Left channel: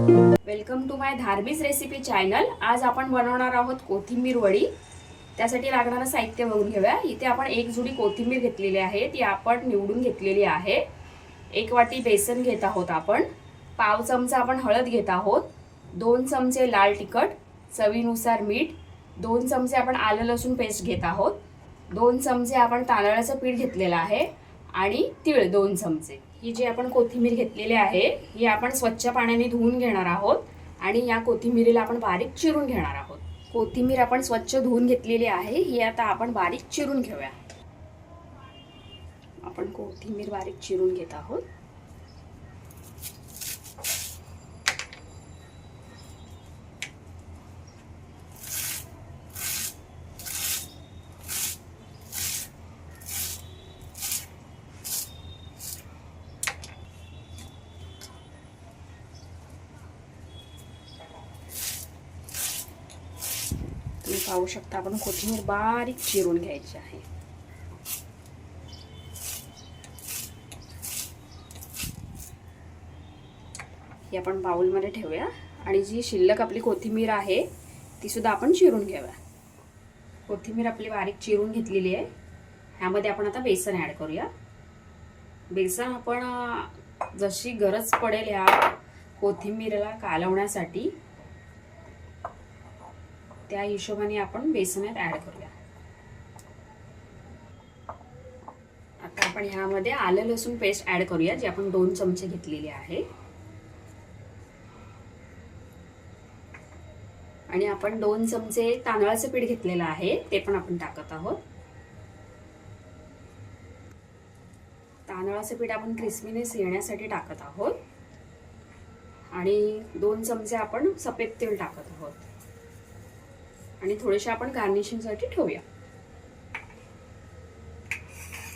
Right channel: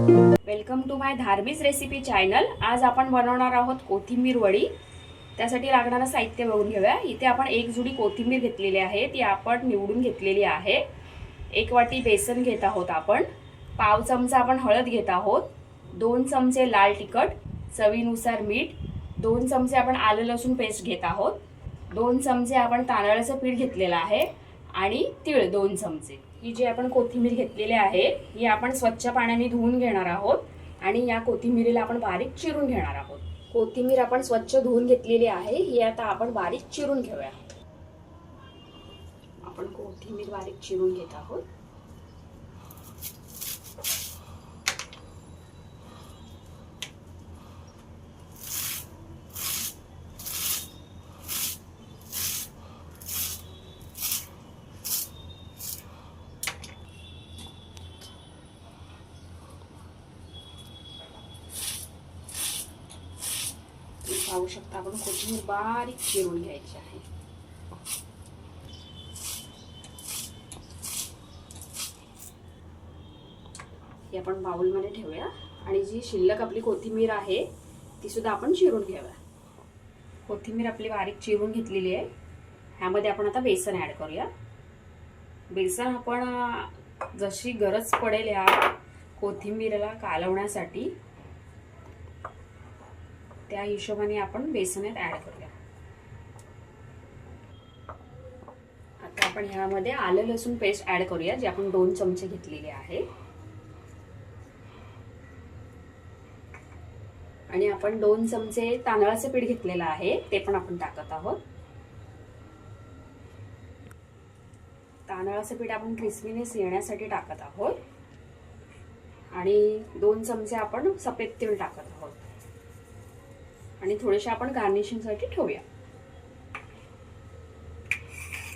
Welcome to माय धार्मिक recipe channel आज आपण बनवणार आहोत कोथिंबीर वडी. त्यासाठी लागणारं साहित्य बघून घेऊया. इथे आपण एक जुडी कोथिंबीर घेतलेली आहे. ती आपण निवडून घेतलेली आहे. एक वाटी बेसन घेत आहोत आपण. पाव चमचा आपण हळद घेत आहोत. दोन चमचे लाल तिखट चवीनुसार मीठ. दोन चमचे आपण आलं लसूण पेस्ट घेत आहोत. दोन चमचे आपण तांदळाचं पीठ घेतलेलं आहे. आणि तीळ दोन चमचे. ही जी आपण कोथिंबीर घेतलेली आहे ही आपण स्वच्छ पाण्याने धुवून घेणार आहोत आणि या कोथिंबीरीला आपण बारीक चिरून घेणार आहोत. कोथिंबीर आपण स्वच्छ धुवून घेतलेली आहे ही आता आपण बारीक चिरून घेऊया. आपण कोथिंबीर बारीक चिरून घेत आहोत. पाहू शकता आपण कोथिंबीर बारीक चिरून घ्यायची आहे. ही आपण बाउलमध्ये ठेवूया. आणि जी शिल्लक आपली कोथिंबीर आहे ती सुद्धा आपण चिरून घेऊया कोथिंबीर आपली बारीक चिरून घेतलेली आहे. ह्यामध्ये आपण आता बेसन ॲड करूया. बेसन आपण जशी गरज पडेल ह्या कोथिंबीरला कालवण्यासाठी त्या हिशोबाने आपण बेसनात ऍड करूया. आता आपण ह्यामध्ये आलं लसूण पेस्ट ऍड करूया जी आपण दोन चमचे घेतलेली आहे. आणि आपण दोन चमचे तांदळाचं पीठ घेतलेलं आहे ते पण आपण टाकत आहोत. तांदळाचं पीठ आपण क्रिस्पीनेस येण्यासाठी टाकत आहोत. आणि दोन चमचे आपण सफेद तेल टाकत आहोत. आणि थोडेसे आपण गार्निशिंगसाठी ठेवूया.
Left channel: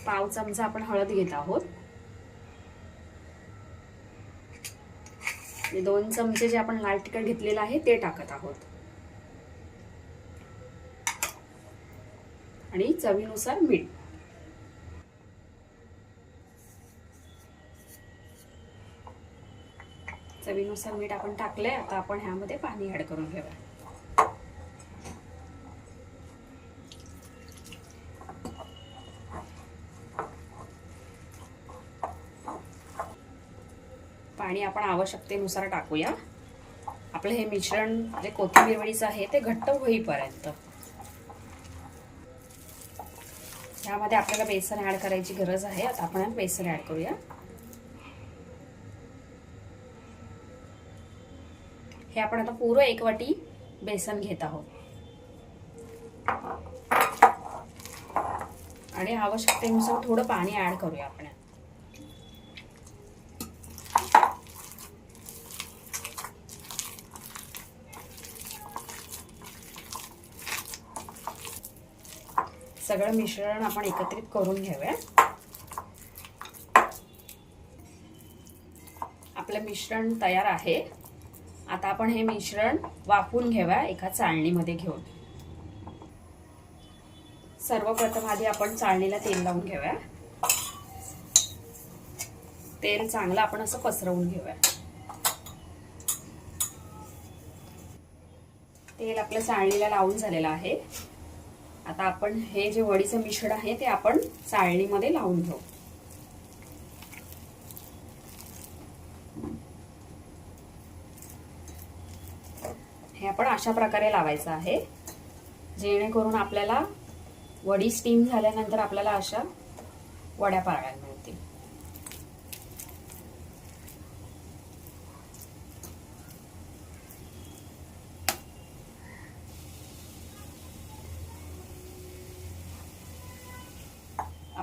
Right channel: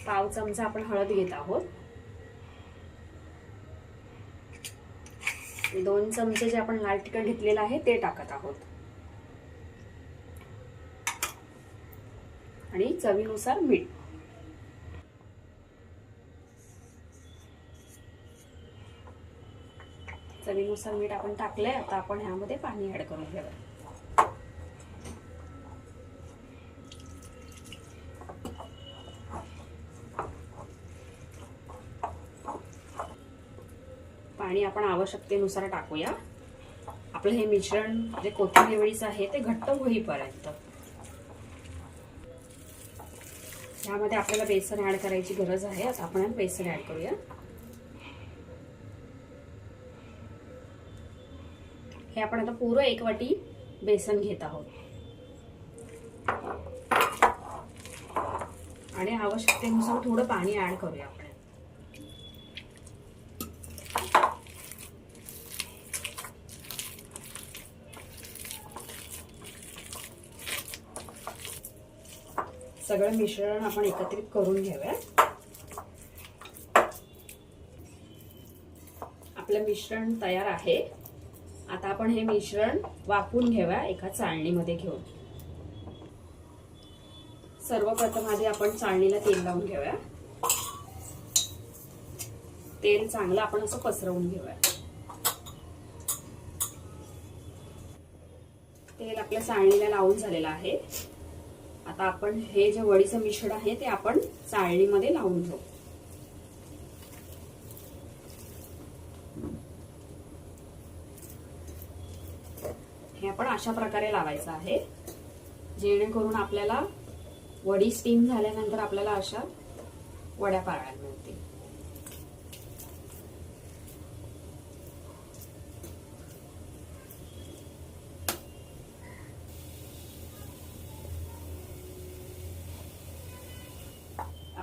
पाव चमचा आपण हळद घेत आहोत. दोन चमचे जे आपण लाल तिखट घेतलेलं आहे ते टाकत आहोत. आणि चवीनुसार मीठ. चवीनुसार मीठ आपण टाकलंय आता आपण ह्यामध्ये पाणी ऍड करून घेऊया. आणि आपण आवश्यकतेनुसार टाकूया. आपलं हे मिश्रण जे कोथिंबीर वडीचं आहे ते घट्ट होईपर्यंत. ह्यामध्ये आपल्याला बेसन ऍड करायची गरज आहे. आता आपण बेसन ऍड करूया. हे आपण आता पूर्ण एक वाटी बेसन घेत आहोत. आणि आवश्यकतेनुसार थोडं पाणी ऍड करूया आपण. सगळं मिश्रण आपण एकत्रित करून घेऊया. आपलं मिश्रण तयार आहे. आता आपण हे मिश्रण वाफवून घेऊया एका चाळणीमध्ये घेऊन. सर्वप्रथम आधी आपण चाळणीला तेल लावून घेऊया. तेल चांगलं आपण असं पसरवून घेऊया. तेल आपल्या चाळणीला लावून झालेलं आहे. आता आपण हे जे वडीचं मिश्रण आहे ते आपण चाळणीमध्ये लावून घेऊ. हे आपण अशा प्रकारे लावायचं आहे. जेणेकरून आपल्याला वडी स्टीम झाल्यानंतर आपल्याला अशा वड्या पाळायला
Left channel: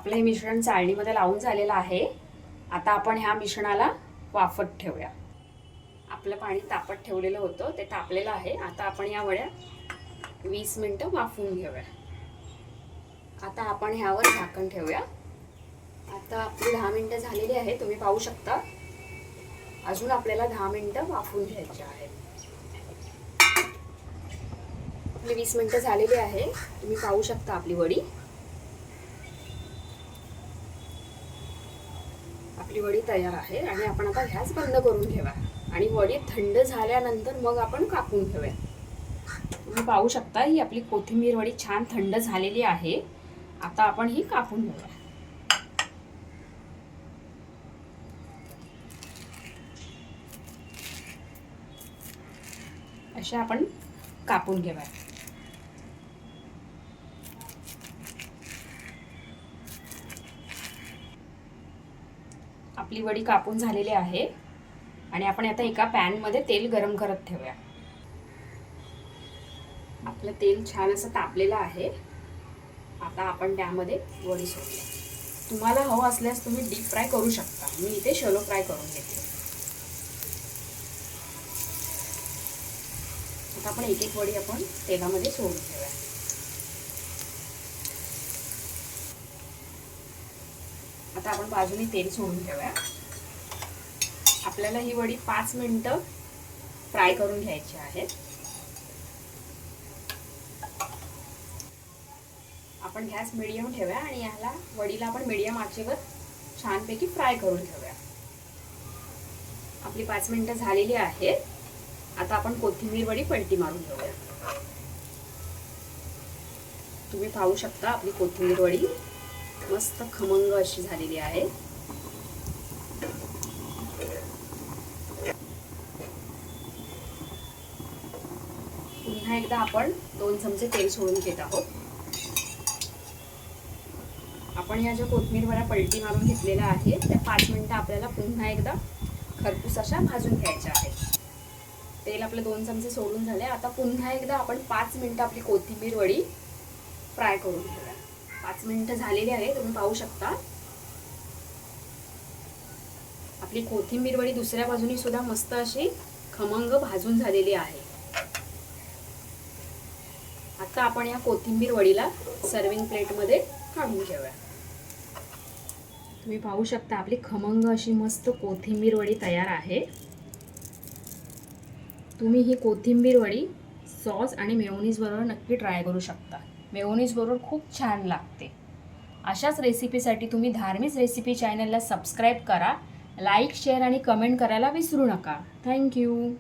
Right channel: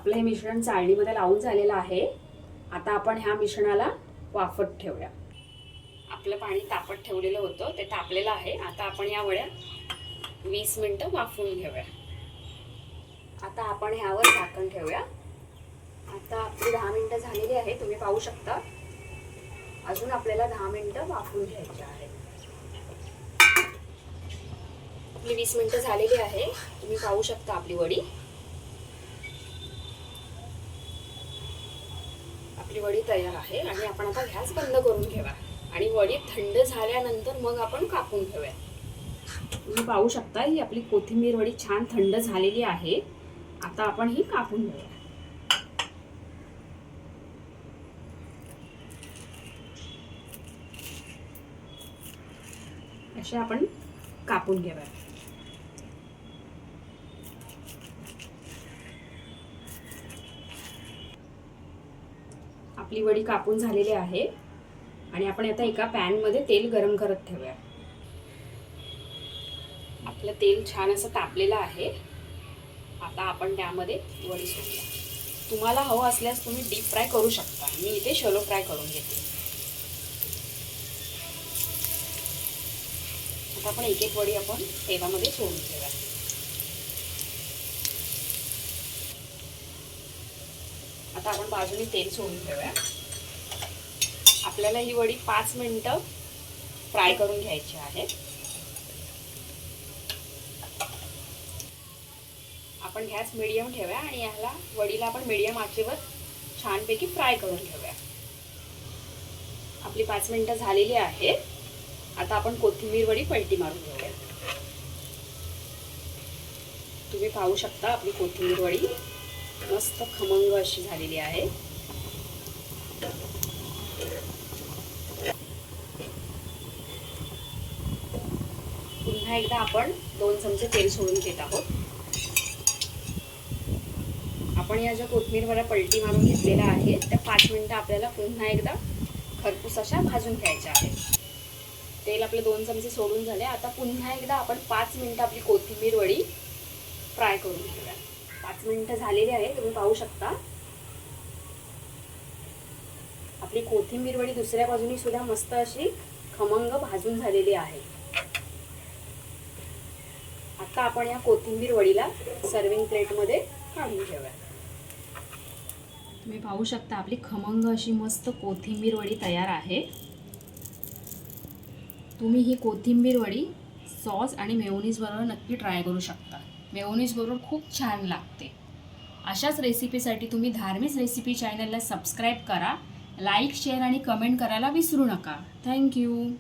आपलं हे मिश्रण चाळणीमध्ये लावून झालेलं आहे. आता आपण ह्या मिश्रणाला वाफत ठेवूया. आपलं पाणी तापत ठेवलेलं होतं ते तापलेलं आहे. आता आपण या वड्या वीस मिनटं वाफवून घेऊया. आता आपण ह्यावर झाकण ठेवूया. आता आपली दहा मिनटं झालेली आहे तुम्ही पाहू शकता. अजून आपल्याला दहा मिनटं वाफवून घ्यायची आहे आपली वीस मिनटं झालेली आहे. तुम्ही पाहू शकता आपली वडी. आपली वडी तयार आहे आणि आपण आता गॅस बंद करून घेऊया आणि वडी थंड झाल्यानंतर मग आपण कापून घेऊया तुम्ही पाहू शकता ही आपली कोथिंबीर वडी छान थंड झालेली आहे. आता आपण ही कापून घेऊया. अशा आपण कापून घेऊया. आपली वडी कापून झालेली आहे. आणि आपण आता एका पॅनमध्ये तेल गरम करत ठेवूया. आपलं तेल छान असं तापलेलं आहे. आता आपण त्यामध्ये वडी सोडूया. तुम्हाला हवं असल्यास तुम्ही डीप फ्राय करू शकता. मी इथे शलो फ्राय करून घेते. आता आपण एक एक वडी आपण तेलामध्ये सोडून ठेवूया. आता आपण बाजूने तेल सोडून ठेवूया. आपल्याला ही वडी पाच मिनिटं फ्राय करून घ्यायची आहे. आपण गॅस मिडियम ठेवूया आणि ह्याला वडीला आपण मिडियम आचेवर छानपैकी फ्राय करून ठेवूया. आपली पाच मिनटं झालेली आहे आता आपण कोथिंबीर वडी पलटी मारून घेऊया. तुम्ही पाहू शकता आपली कोथिंबीर वडी मस्त खमंग अशी झालेली आहे. पुन्हा एकदा आपण दोन चमचे तेल सोडून घेत आहोत. आपण या ज्या कोथमीर पलटी मारून घेतलेल्या आहेत त्या पाच मिनिटं आपल्याला पुन्हा एकदा खरपूस अशा भाजून घ्यायच्या आहेत. तेल आपले दोन चमचे सोडून झाले आता पुन्हा एकदा आपण पाच मिनिटं आपली कोथिंबीर वडी फ्राय करून घेऊया. पाच मिनिटं झालेली आहे तुम्ही पाहू शकता. आपली कोथिंबीर वडी दुसऱ्या बाजूनी सुद्धा मस्त अशी खमंग भाजून झालेली आहे. आता आपण या कोथिंबीर वडीला सर्विंग प्लेटमध्ये काढून घेऊया. तुम्ही पाहू शकता आपली खमंग अशी मस्त कोथिंबीर वडी तयार आहे. तुम्ही ही कोथिंबीर वडी सॉस आणि मेवनीजबरोबर नक्की ट्राय करू शकता. मेयोनीज बरोबर खूप छान लागते. अशाच रेसिपीसाठी तुम्ही धार्मिक रेसिपी चॅनलला सबस्क्राईब करा लाईक शेअर आणि कमेंट करायला विसरू नका. थँक्यू